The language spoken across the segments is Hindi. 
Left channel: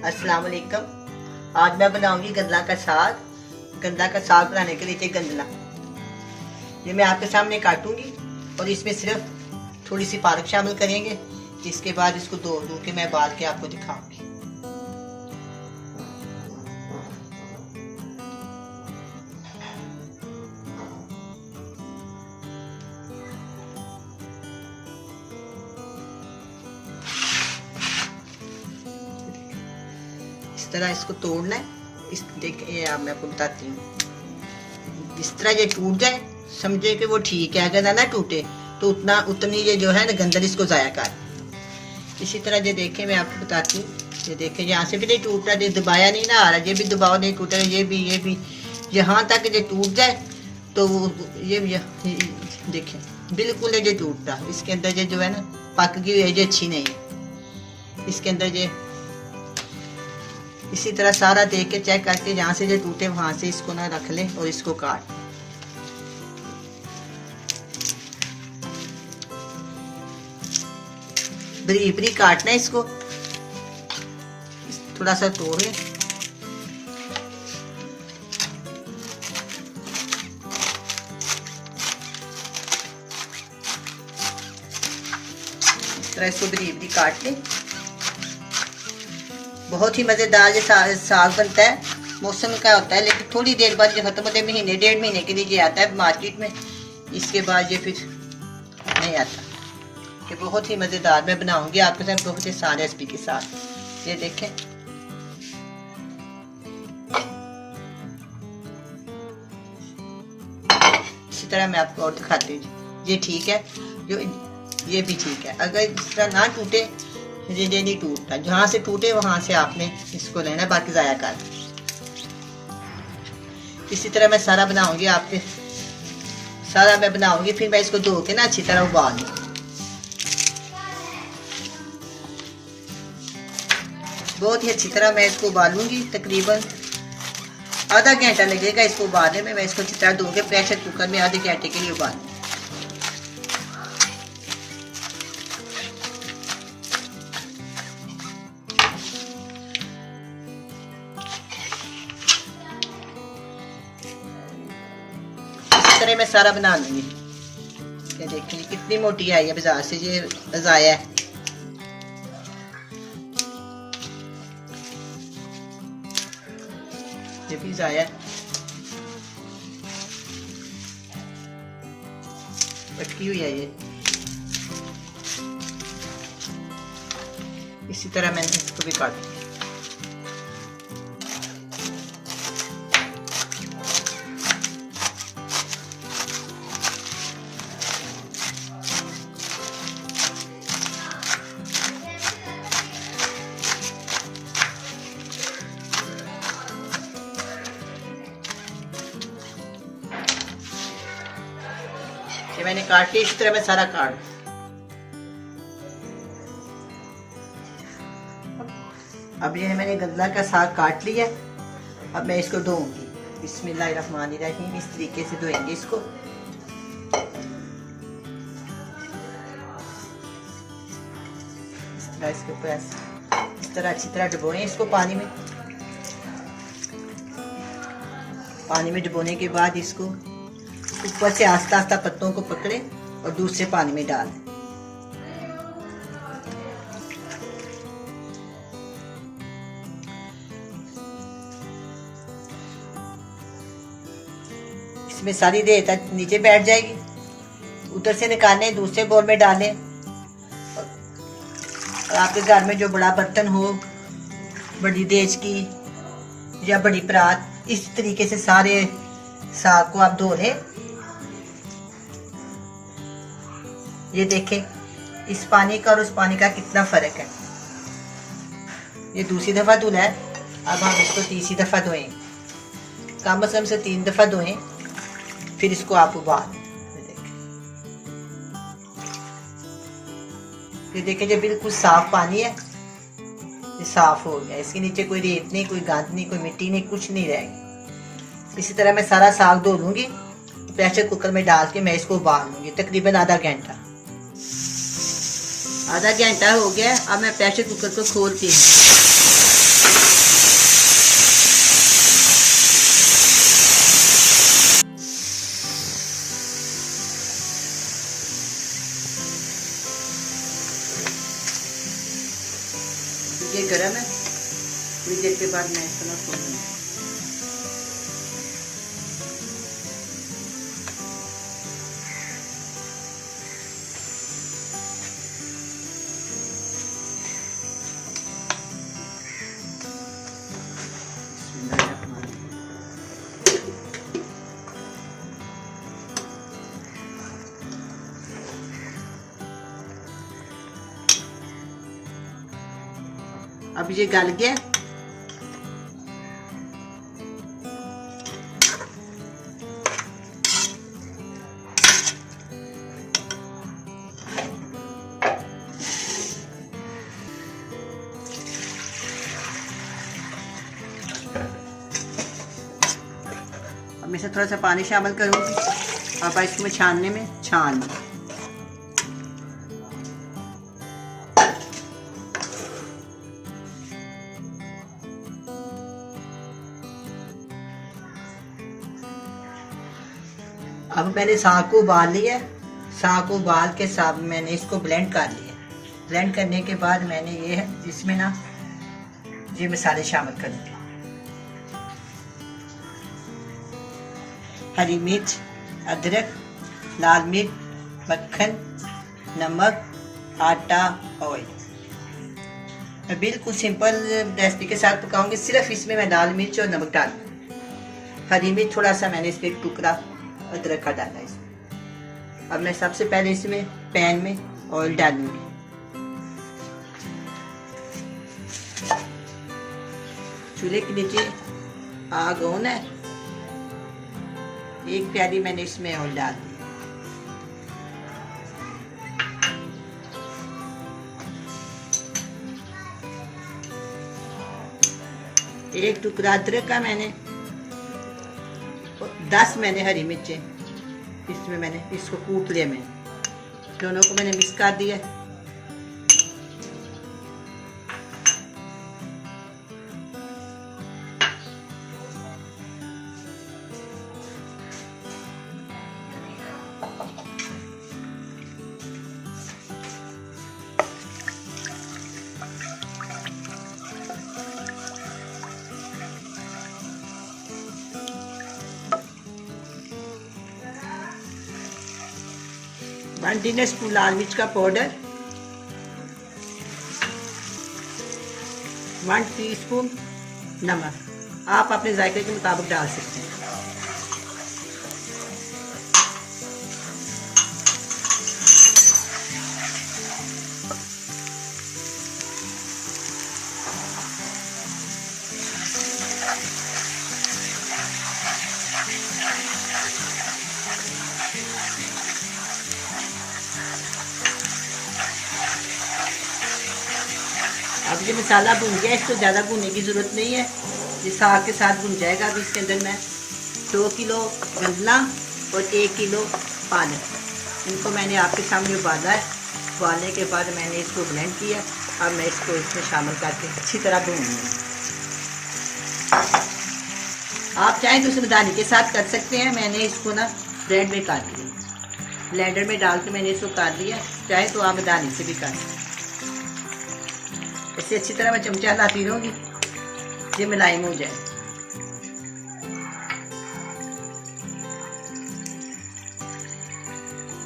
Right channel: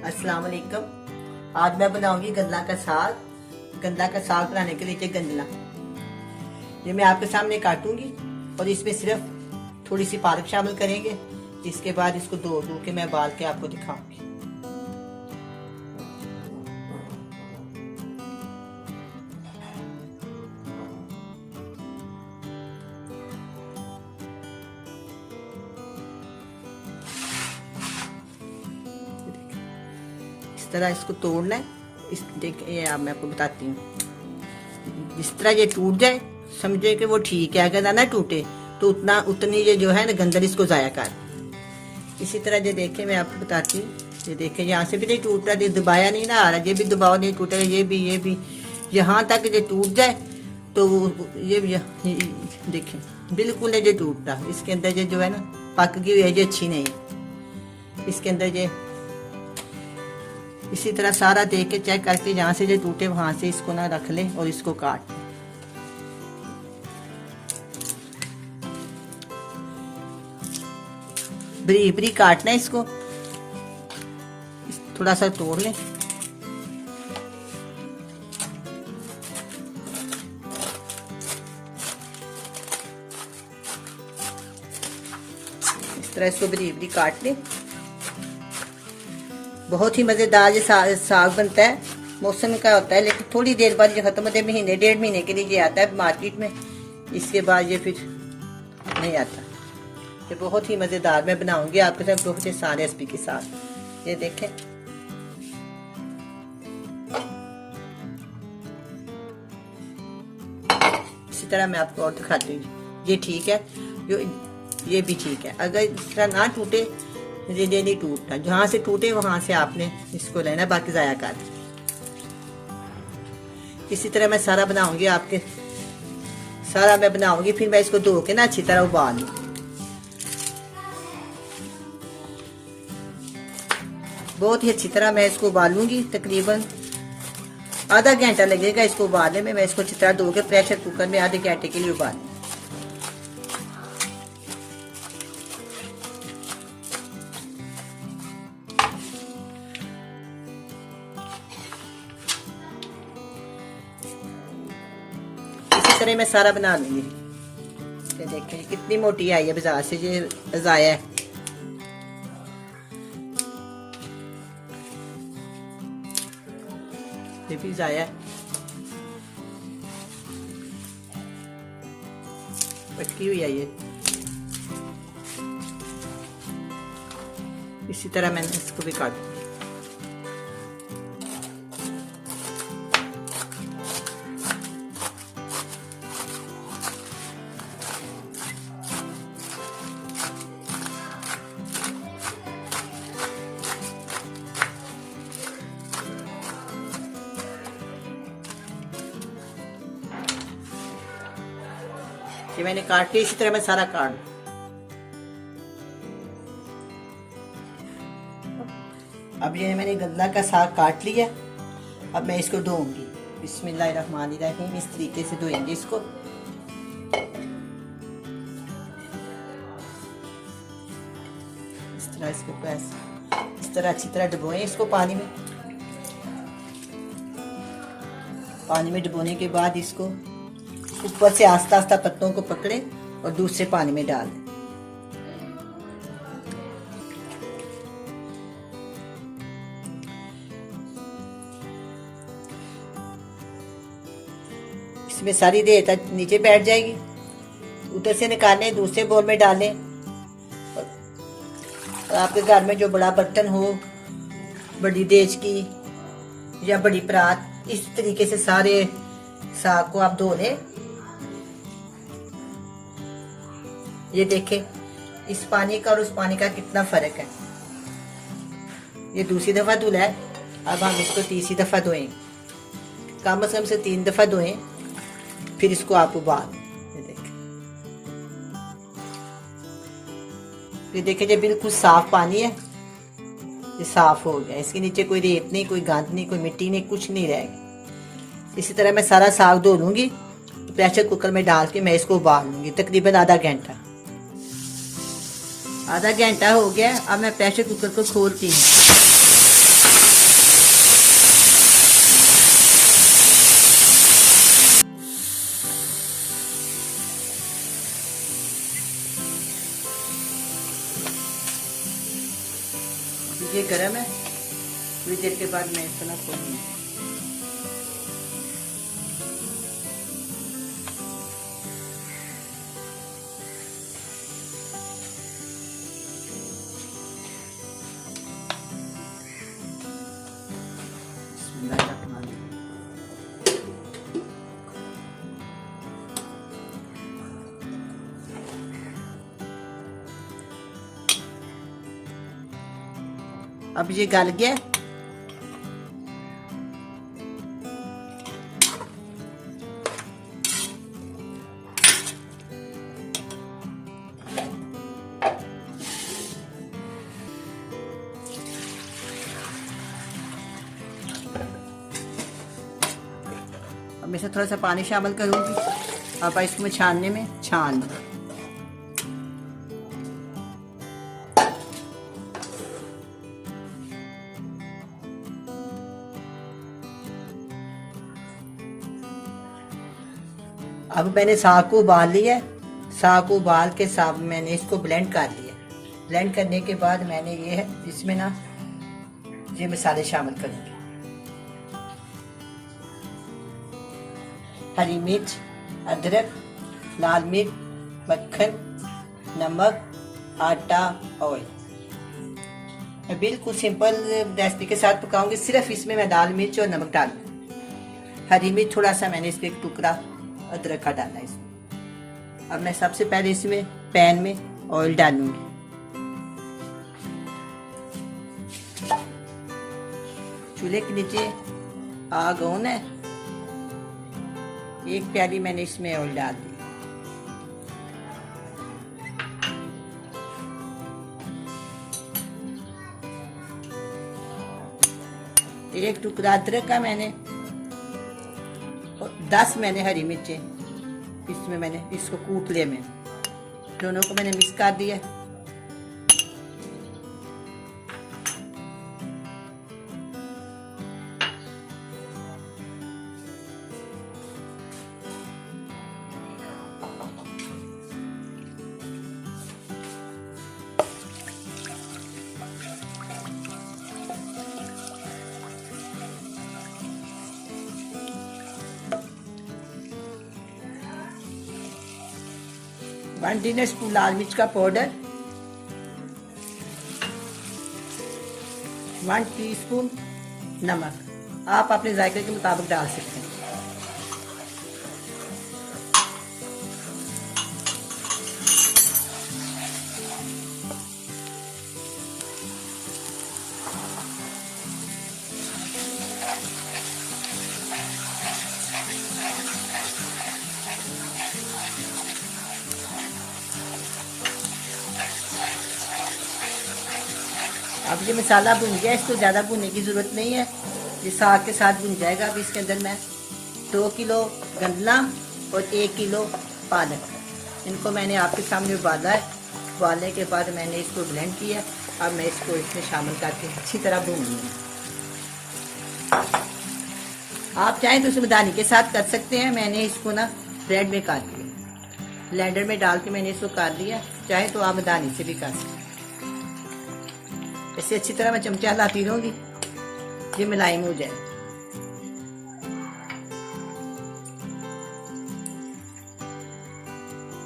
अस्सलाम वालेकुम। आज मैं बनाऊंगी गंदला का साग। गंदला का साग बनाने के लिए गंदला ये मैं आपके सामने काटूंगी और इसमें सिर्फ थोड़ी सी पालक शामिल करेंगे। इसके बाद इसको धो के मैं बाल के आपको दिखाऊंगी। इस तरह इसको तोड़ना है। इस देखिए अब मैं आपको बताती हूँ। जिस तरह ये टूट जाए समझे कि वो ठीक है, अगर ना टूटे तो उतनी ये जो है ना गंदल इसको ज़ाया कर। इसी तरह ये देखें मैं आपको बताती हूँ। ये देखें यहाँ से भी नहीं टूट रहा, ये दबाया नहीं ना आ रहा, ये भी दबाव नहीं टूट रहा, ये भी यहाँ तक ये टूट जाए तो ये देखें बिल्कुल ये टूट रहा। इसके अंदर ये जो है ना पक गई हुई है, ये अच्छी नहीं है। इसके अंदर ये इसी तरह सारा देख के चेक करके जहाँ से जो टूटे वहां से इसको ना रख लें और इसको काट बरीक बरीक काटना है। इसको थोड़ा सा तोड़ लें। इस तरह इसको बरीक बरीक काट लें। बहुत ही मज़ेदार ये साग बनता है। मौसम का होता है लेकिन थोड़ी देर बाद ये ख़त्म होते हैं, महीने डेढ़ महीने के लिए ये आता है मार्केट में। इसके बाद ये फिर नहीं आता। ये बहुत ही मज़ेदार मैं बनाऊंगी आपके साथ बहुत ही आसान रेसिपी के साथ। ये देखें इसी तरह मैं आपको और दिखाती हूँ। ये ठीक है, ये भी ठीक है। अगर इस तरह ना टूटे ये नहीं टूटता, जहाँ से टूटे वहां से आपने इसको लेना, बाकी ज़ाया कर। इसी तरह मैं सारा बनाऊंगी आपके सारा मैं बनाऊंगी। फिर मैं इसको धो के ना अच्छी तरह उबाल लूँ। बहुत ही अच्छी तरह मैं इसको उबालूंगी। तकरीबन आधा घंटा लगेगा इसको उबालने में। मैं इसको अच्छी तरह धो के प्रेशर कुकर में आधे घंटे के लिए उबालूंगी। तरह मैं सारा बना लूंगी। ये देखिए कितनी मोटी आई है बाजार से, ये ज़ाया है। ये भी ज़ाया है, पटकी हुई है ये। इसी तरह मैंने इसको भी काट दिया। ये मैंने काट लिया। इसी तरह मैं सारा काट। अब ये मैंने गंदला का साग काट लिया। अब मैं इसको धोऊंगी। बिस्मिल्लाहिर्रहमानिर्रहीम। इस तरीके से धोएंगे इसको। इस तरह इसके प्रेस इस तरह अच्छी तरह डुबोएं इसको पानी में। पानी में डुबोने के बाद इसको ऊपर से आस्ता आस्ता पत्तों को पकड़े और दूसरे पानी में डाल दें। इसमें सारी देर तक नीचे बैठ जाएगी। उधर से निकालें, दूसरे बोल में डालें। और आपके घर में जो बड़ा बर्तन हो, बड़ी देज की या बड़ी परात, इस तरीके से सारे साग को आप धो लें। ये देखें इस पानी का और उस पानी का कितना फर्क है। ये दूसरी दफा धुला है। अब हम इसको तीसरी दफा धोएं। कम से कम से 3 दफा धोएं, फिर इसको आप उबाल। ये देखें ये बिल्कुल साफ पानी है। ये साफ हो गया। इसके नीचे कोई रेत नहीं, कोई गंद नहीं, कोई मिट्टी नहीं, कुछ नहीं रहेगा। इसी तरह मैं सारा साग धो लूंगी। प्रेशर कुकर में डाल के मैं इसको उबाल लूंगी तकरीबन आधा घंटा। आधा घंटा हो गया। अब मैं प्रेशर कुकर को खोलती हूँ। ये गर्म है, थोड़ी देर के बाद मैं इसको ना खोल दूँगी। अब ये गल गया। अब मैं इसमें थोड़ा सा पानी शामिल करूंगी। अब इसमें छानने में छान अब मैंने साग को उबाल लिया। साग को उबाल के साग मैंने इसको ब्लेंड कर लिया। ब्लेंड करने के बाद मैंने ये इसमें ना ये मसाले शामिल कर दिए। हरी मिर्च, अदरक, लाल मिर्च, मक्खन, नमक, आटा, ऑयल। मैं बिल्कुल सिंपल रेसिपी के साथ पकाऊंगी। सिर्फ इसमें मैं लाल मिर्च और नमक डालूंगी। हरी मिर्च थोड़ा सा मैंने इसमें एक टुकड़ा अदरक का डाला इसमें। अब मैं सबसे पहले इसमें पैन में ऑयल डालूंगी। चूल्हे के नीचे आग ऑन है। एक प्याली मैंने इसमें ऑयल डाल दी। एक टुकड़ा अदरक का मैंने 10 मैंने हरी मिर्चें इसमें मैंने इसको कूट लिया। मैं दोनों को मैंने मिक्स कर दिया। वन टी स्पून लाल मिर्च का पाउडर, 1 टीस्पून नमक। आप अपने जायके के मुताबिक डाल सकते हैं। अब ये मसाला भून गया। इसको ज़्यादा भूनने की ज़रूरत नहीं है, ये साग के साथ भून जाएगा। अब इसके अंदर मैं 2 किलो गंदला और 1 किलो पालक, इनको मैंने आपके सामने उबाला है। उबालने के बाद मैंने इसको ब्लेंड किया। अब मैं इसको इसमें शामिल करके अच्छी तरह भून लूँगी। आप चाहें तो उसमें दानी के साथ कर सकते हैं। मैंने इसको ना ब्लेंड में काट लिया, ब्लेंडर में डाल के मैंने इसको काट दिया। चाहे तो आप दानी से भी कर सकते हैं। इसे अच्छी तरह मैं चमचा हिलाती रहूंगी, ये मुलायम हो जाए।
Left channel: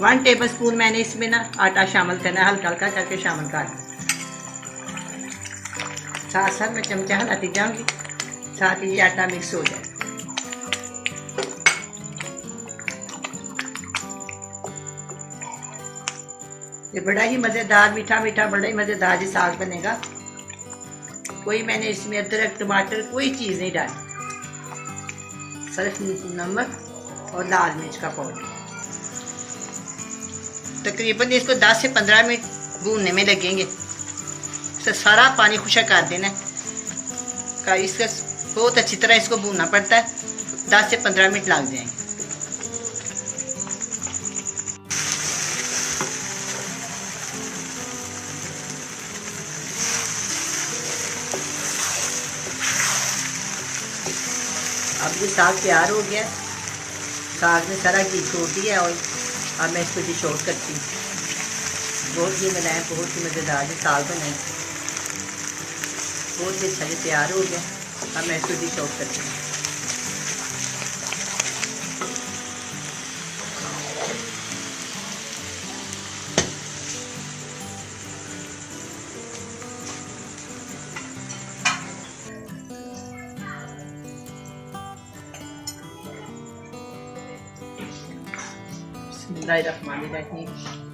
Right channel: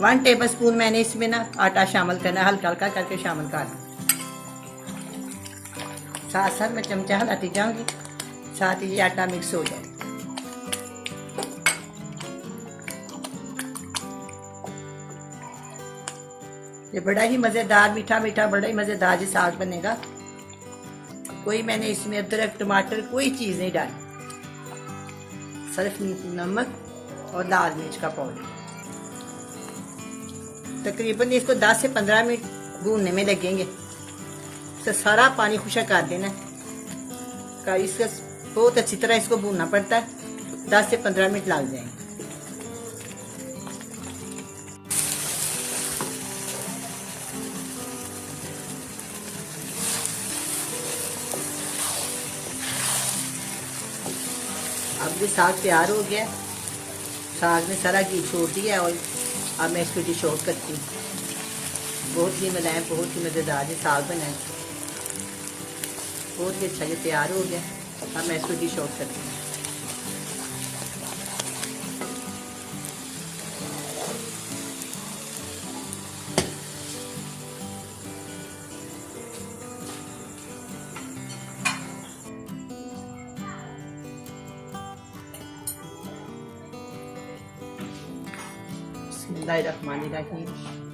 वन टेबल स्पून मैंने इसमें ना आटा शामिल करना है। हल्का हल्का करके शामिल कर दूँ। साथ साथ मैं चमचा हिलाती जाऊंगी, साथ ही ये आटा मिक्स हो जाए। ये बड़ा ही मज़ेदार मीठा मीठा बड़ा ही मज़ेदार ये साग बनेगा। कोई मैंने इसमें अदरक टमाटर कोई चीज़ नहीं डाली, सिर्फ नमक और लाल मिर्च का पाउडर। तकरीबन इसको 10 से 15 मिनट भूनने में लगेंगे। तो सारा पानी खुशक कर देना का। इसका बहुत अच्छी तरह इसको भूनना पड़ता है। 10 से 15 मिनट लग जाएंगे। अब ये साग तैयार हो गया। साग ने सारा घी छोड़ दिया और अब मैं इसको डिश आउट करती हूँ। बहुत ही मुलायम, बहुत ही मज़ेदार ये साग बना है। बहुत ही अच्छा ये तैयार हो गया। अब मैं इसको डिश आउट करती हूँ। बिस्मिल्लाहिर्रहमानिर्रहीम।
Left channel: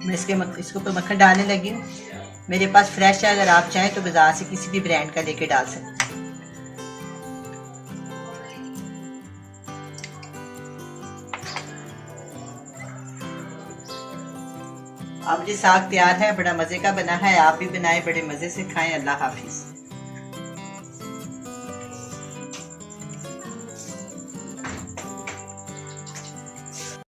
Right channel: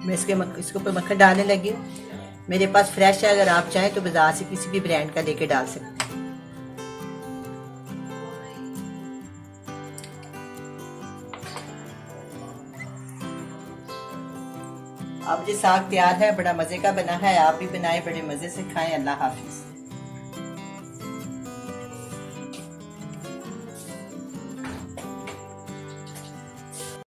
मैं इसके ऊपर मक्खन डालने लगी हूँ। मेरे पास फ्रेश है, अगर आप चाहें तो बाजार से किसी भी ब्रांड का लेके डाल सकते हैं। अब ये साग तैयार है, बड़ा मजे का बना है। आप भी बनाएं, बड़े मजे से खाएं। अल्लाह हाफिज।